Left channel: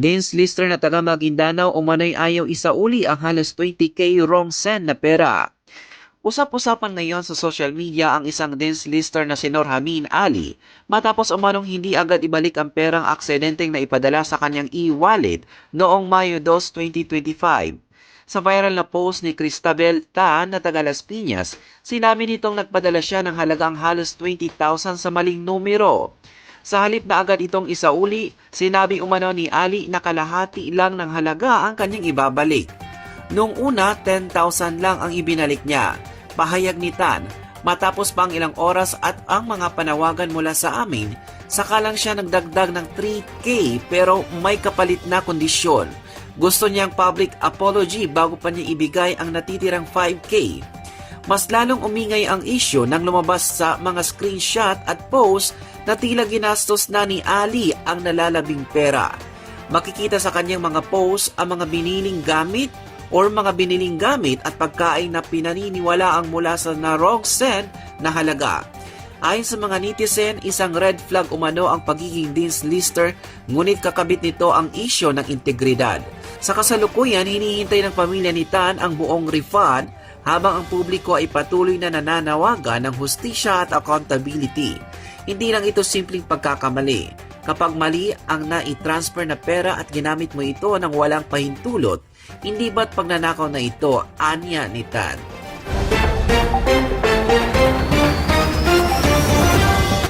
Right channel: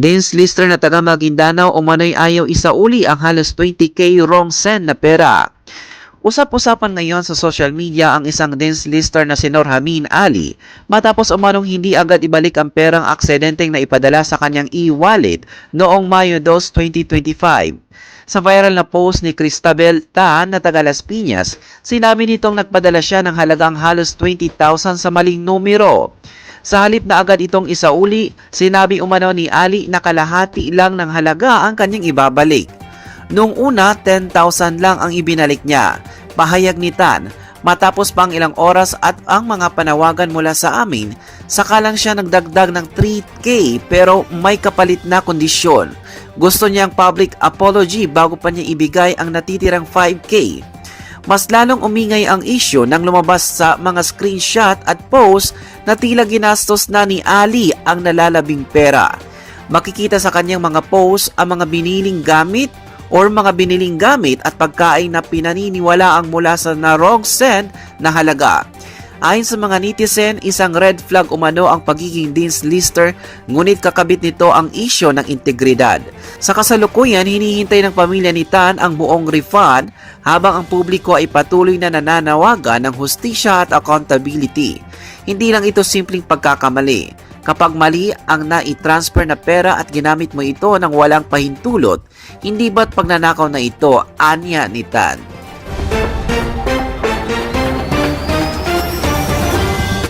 Dance lister na taga Maguindanao umano'y ayaw isauli ang halos 20k wrong send na pera. Usap-usapan ngayon sa social media ang isang dance lister na si Norhamin Ali matapos umanong hindi agad ibalik ang perang aksidenteng na ipadala sa kanyang e-wallet noong Mayo 2, 2025. Sa viral na post ni Cristabel Tan na taga Las Piñas, sinabi nitong nagpadala siya ng halagang halos 20,000 sa maling numero. Sa halip na agad itong isauli, sinabi umano ni Ali na kalahati lang ng halaga ang kanyang ibabalik. Noong una, 10,000 lang ang ibinalik niya. Pahayag ni Tan, matapos pa ang ilang oras at ang mga panawagan mula sa amin, saka lang siya nagdagdag ng 3K pero may kapalit na kondisyon. Gusto niyang public apology bago pa niya ibigay ang natitirang 5K. Mas lalong umingay ang issue nang lumabas sa mga screenshot at post na tila ginastos na ni Ali ang nalalabing pera. Makikita sa kanyang mga post ang mga biniling gamit or mga biniling gamit at pagkain na pinaniniwala ang mula sa na wrong send na halaga. Ayon sa mga netizen, isang red flag umano ang pagiging dance lister ngunit kakabit nito ang isyo ng integridad. Sa kasalukuyan, hinihintay ng pamilya ni Tan ang buong refund habang ang publiko ay patuloy na nananawagan ng hustisya at accountability. Hindi lang ito simpleng pagkakamali. Kapag mali ang nai-transfer na pera at ginamit mo ito ng walang pahintulot, hindi ba't pagnanakaw na ito anya ni Tan?